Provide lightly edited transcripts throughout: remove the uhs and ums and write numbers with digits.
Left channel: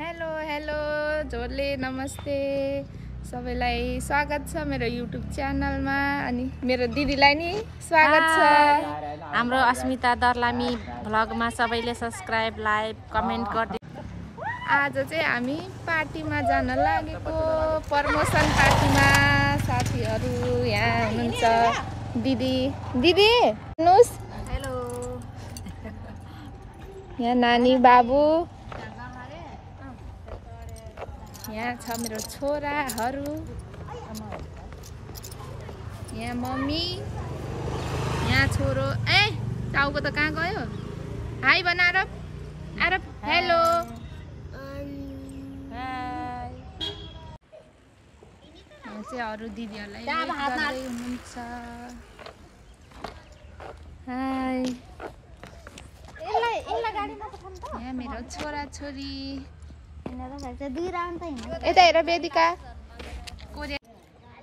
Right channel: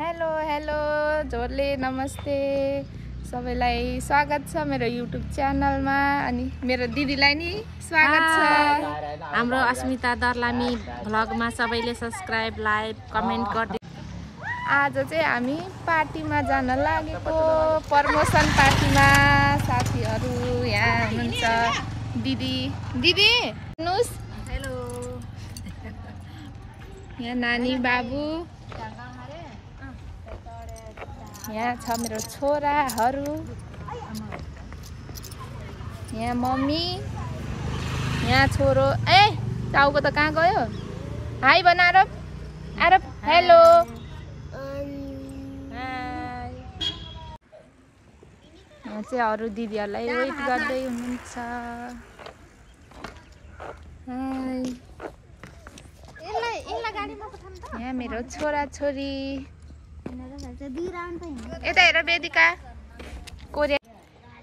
Hello hello जोरले नमस्ते सबैलाई स्वागत छ मेरो युट्युब च्यानलमा अनि मेरो दिदीलाई नि स्वागत छ हाम्रो अस्मिता दर्लामी भ्लगमा सबैले सब्स्क्राइब लाइक कमेन्ट गर्दै आज चाहिँ हामी पार्टीमा जान लागेको प्रमोसन पार्टीमा साथीहरु यहाँ हुनुहुन्छ दिदी दिदी हेर्नुस् हेलो यहाँ नानी बाबु यहाँ छ मेरो छोराहरु यहाँ मम्मी यहाँ छोरो ए टाउको त कहाँ गयो हाई भन आरब आरब हेलो हाई यहाँ चाहिँ अरु दिदीहरुलाई वेट गर्दै हुनुहुन्छ हाई यहाँ मेरो छोरा छोरी यता हेर वेदिका कोरिया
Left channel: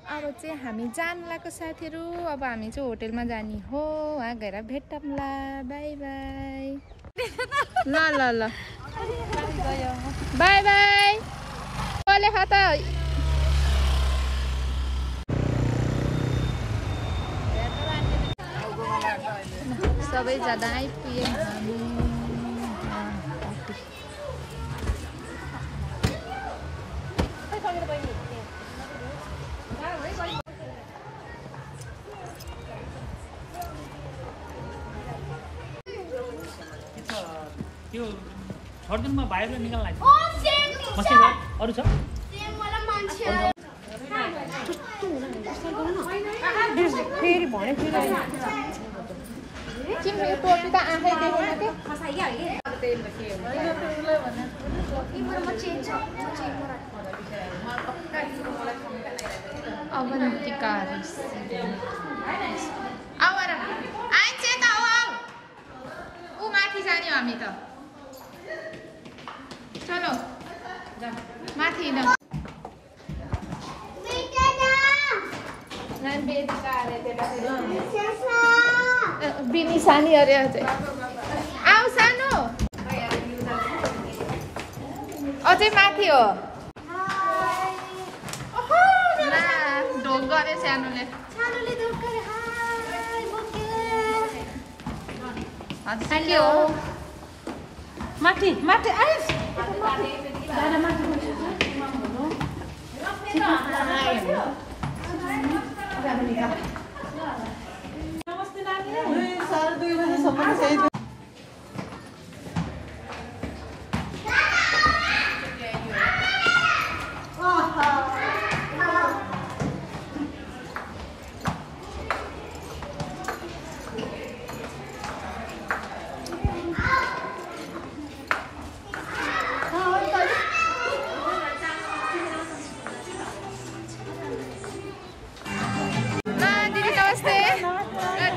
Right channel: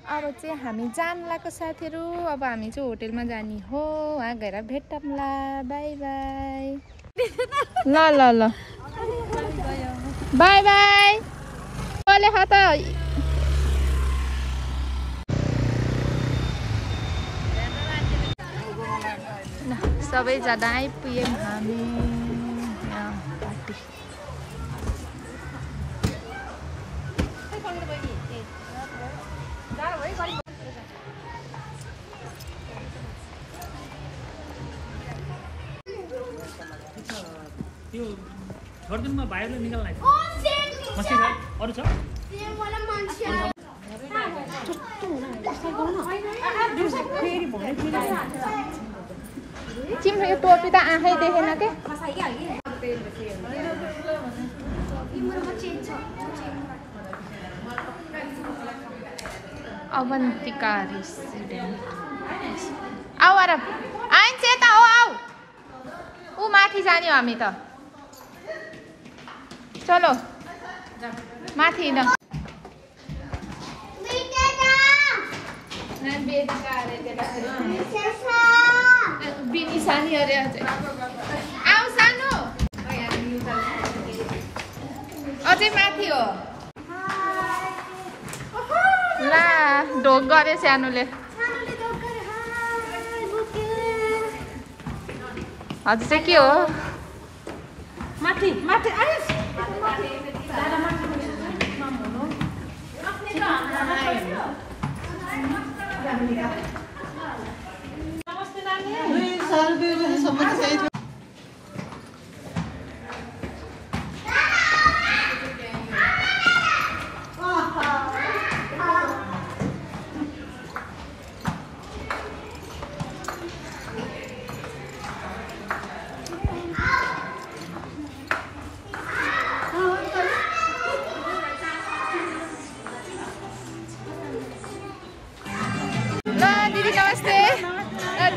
अब चाहिँ हामी जान लागेको साथीहरु अब हामी चाहिँ होटलमा जानी हो वहाँ गएर भेटौँला बाइ बाइ ल ल ल बाइ बाइ कले खत सबै जना आइपुग्यौं हामी यहाँ पार्टी त्यो छोड्दिनमा भाइले निकाल्न लाग्छ अरु छ फेरि भरे चिम्रे टोपी त आँखै देखेन के फसाइहाल्यो अवन्तिका रेसिडेन्ट आऊ आरब आइन्छ यता हो आऊ ऊ माथि जाने हो हामी त चलो माथि न बिनी सानी अरे आऊ सानो अझै माथि हो ला ढोक गरे सानोले हजुर चाहिँ के हो माथि माथि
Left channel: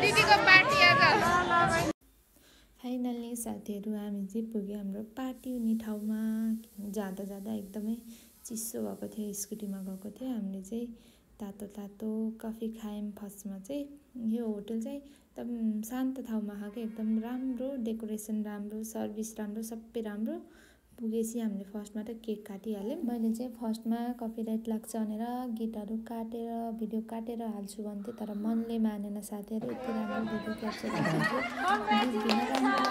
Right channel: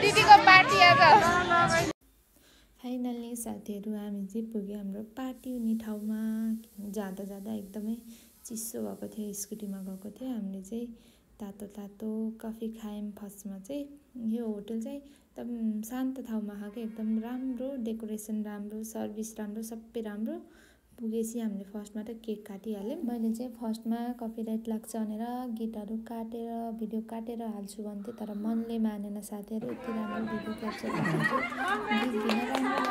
दिदीको पार्टी आज फाइनल्ली साथीहरु हामी चाहिँ पुग्यो हाम्रो पार्टी हुने ठाउँमा जाँदा जाँदा एकदमै चिसो भएको थियो स्कुटीमा गएको थियो हामीले चाहिँ तातो तातो कफी खायौं फर्स्टमा चाहिँ यो होटल चाहिँ एकदम शान्त ठाउँमा छ के एकदम राम्रो डेकोरेसन राम्रो सर्भिस राम्रो सबै राम्रो पुगेपछि हामीले फर्स्टमा त केक काटिहाल्यौं मैले चाहिँ फर्स्टमा कपिराइट लाग्छ भनेर गीतहरु काटेर भिडियो काटेर हाल्छु भन्थे तर मनले मानेन साथीहरु यति राम्रो भिडियो क्याप्चर गर्नु गीत दिन राम्रो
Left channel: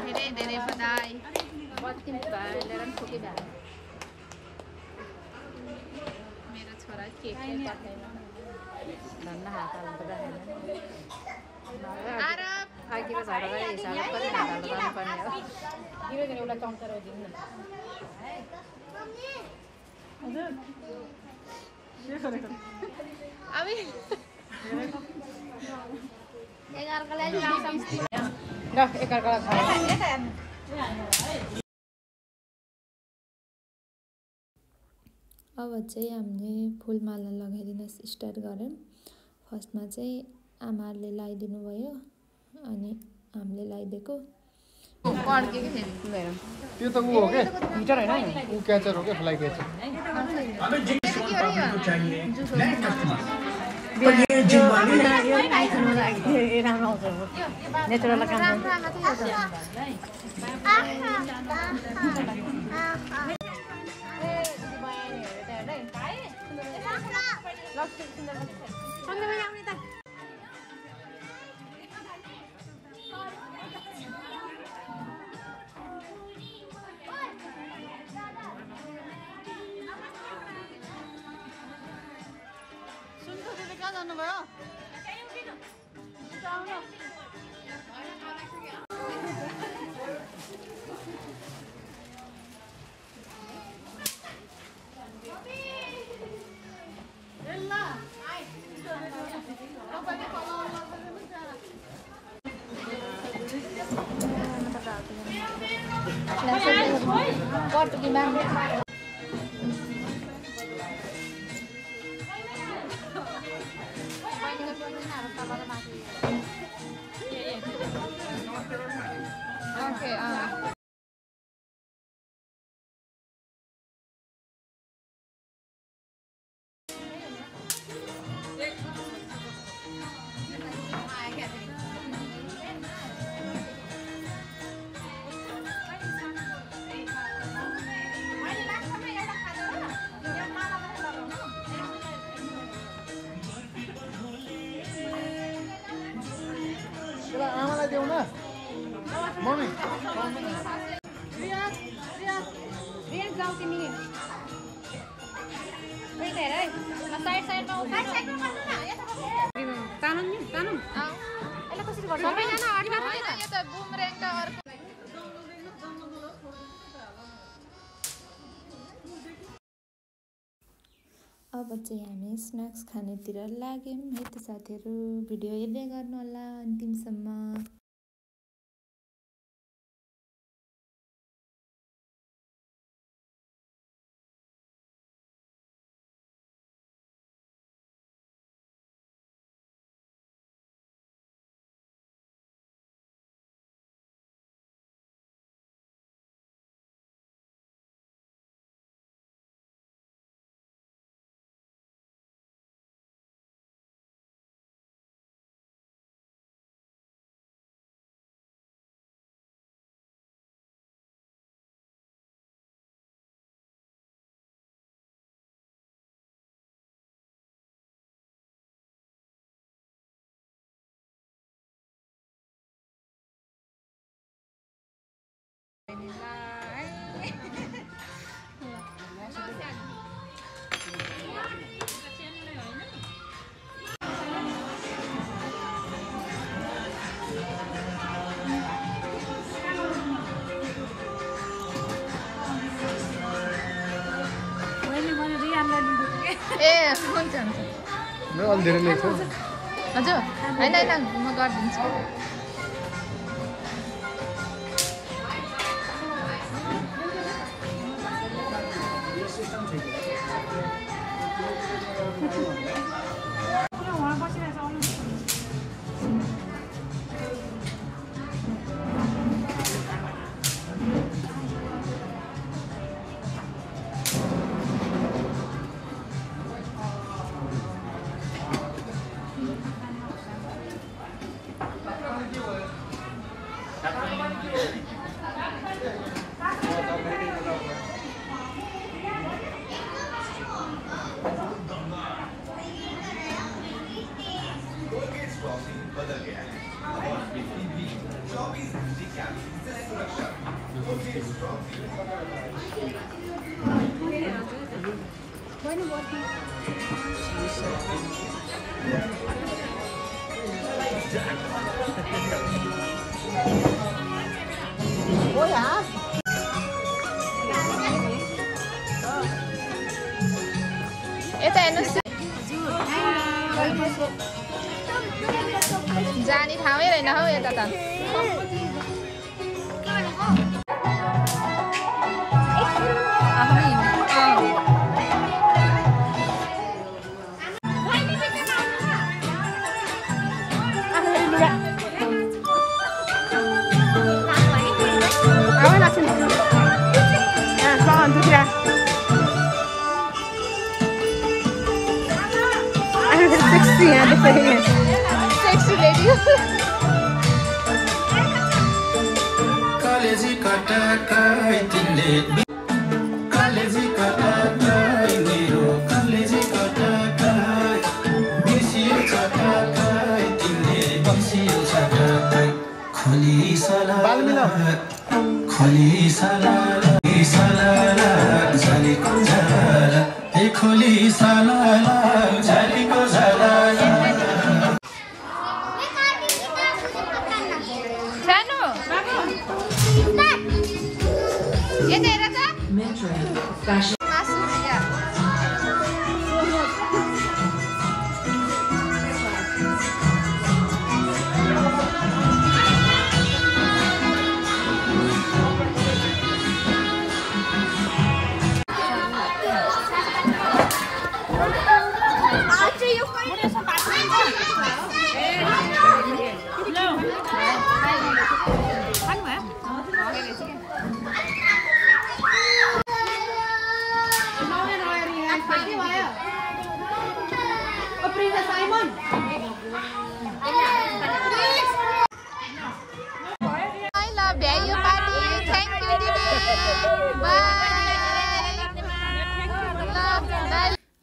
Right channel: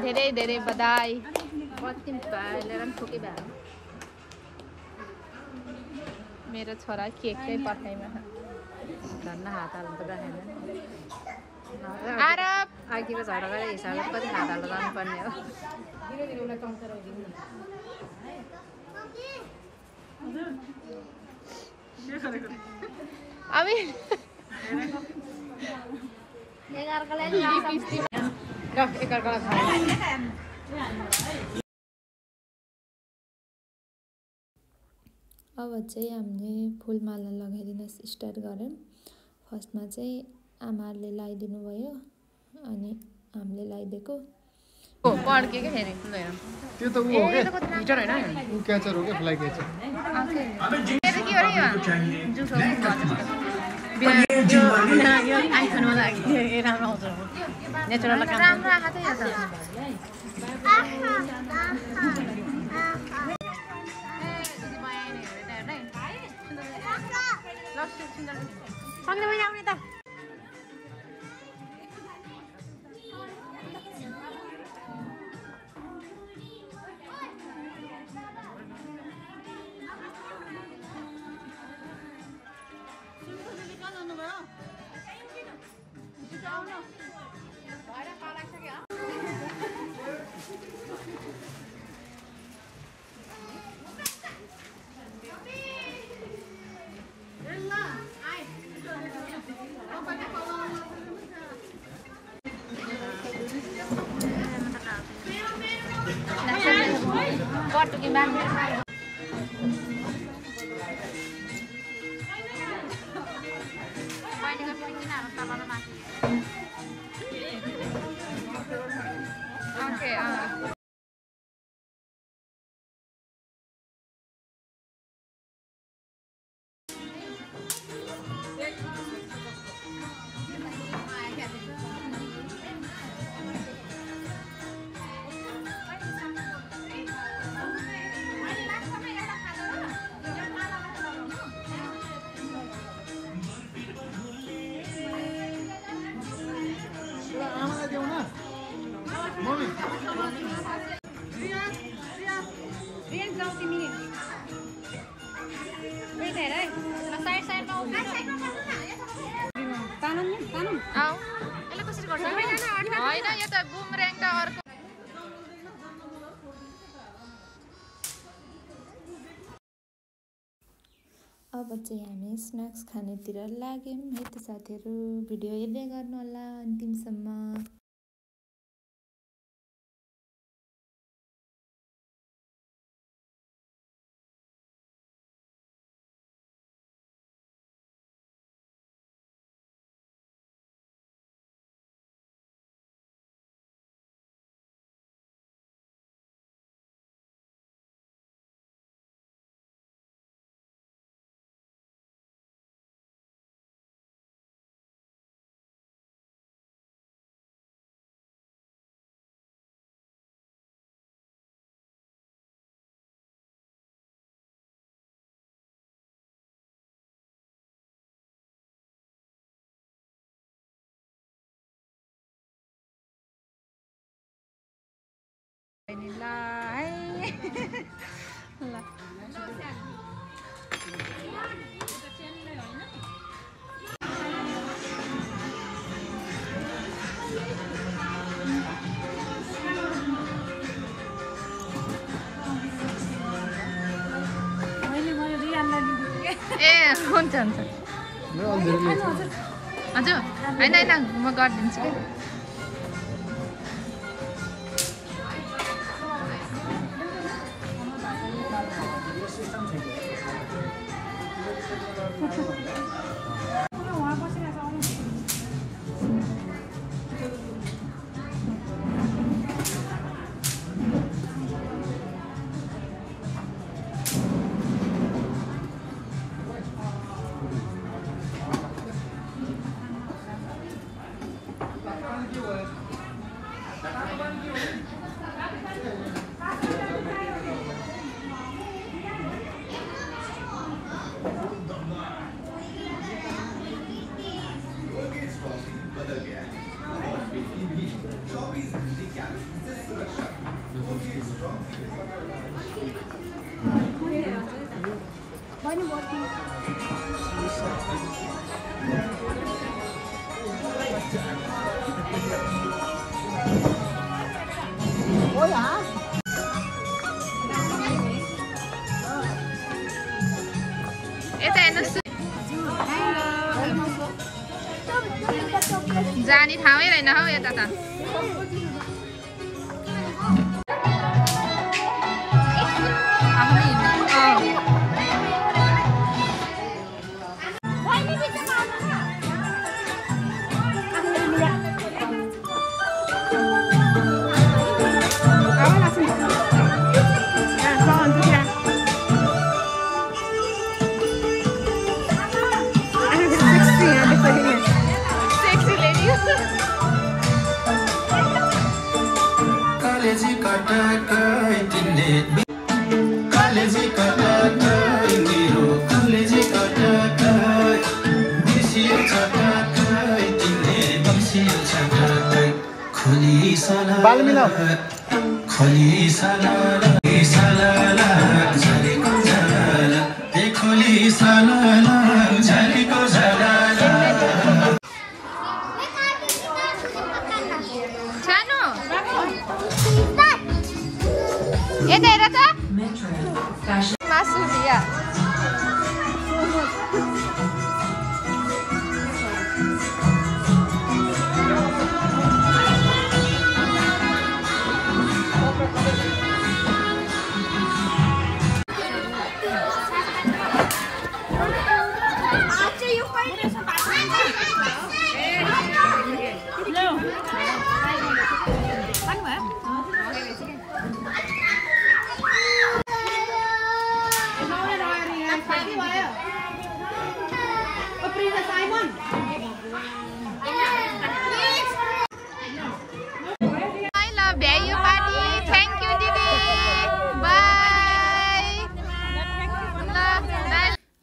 धेरै धेरै बधाई मेरो छोरा केक आरब अब चाहिँ हामीले फुलमाला लगाइदिन स्टार्ट गर्यौं फर्स्टमा चाहिँ आमाले लगाइदिनु भयो अनि हामीले लगाइदिएको पड्क्यो कि फेरि त्यो त ऊ हो के हिटर हैन ऊ क्याचर हो के फ्लाइ क्याचर के हो रे यो जुस हो राम्रो आएको थियो यो त पटुकी बाँध्नु होइन यो त बुमरेङ त अर्को अब चाहिँ हामी स्न्याक्स खानेतिर लाग्यौँ है त साथीहरू भिडियो हेर्दै गर्नु होला अन्तिमसम्म ए हुन्छ हुन्छ हजुर होइन होइन म गरिदिन्छु कि Ôi hả? यता हेर्नुहोस् जाने ठाउँै रहेन हौ यता त सानो यता हेर त मासु बिहा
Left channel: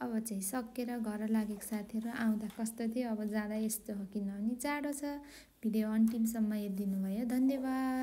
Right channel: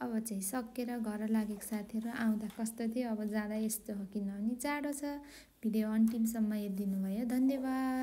अब चाहिँ सकेर घर लागेको साथीहरू आउँदा कस्तो थियो अब जाँदा यस्तो हो किनभने जाडो छ। भिडियो अन्तिमसम्म हेरिदिनु भयो, धन्यवाद।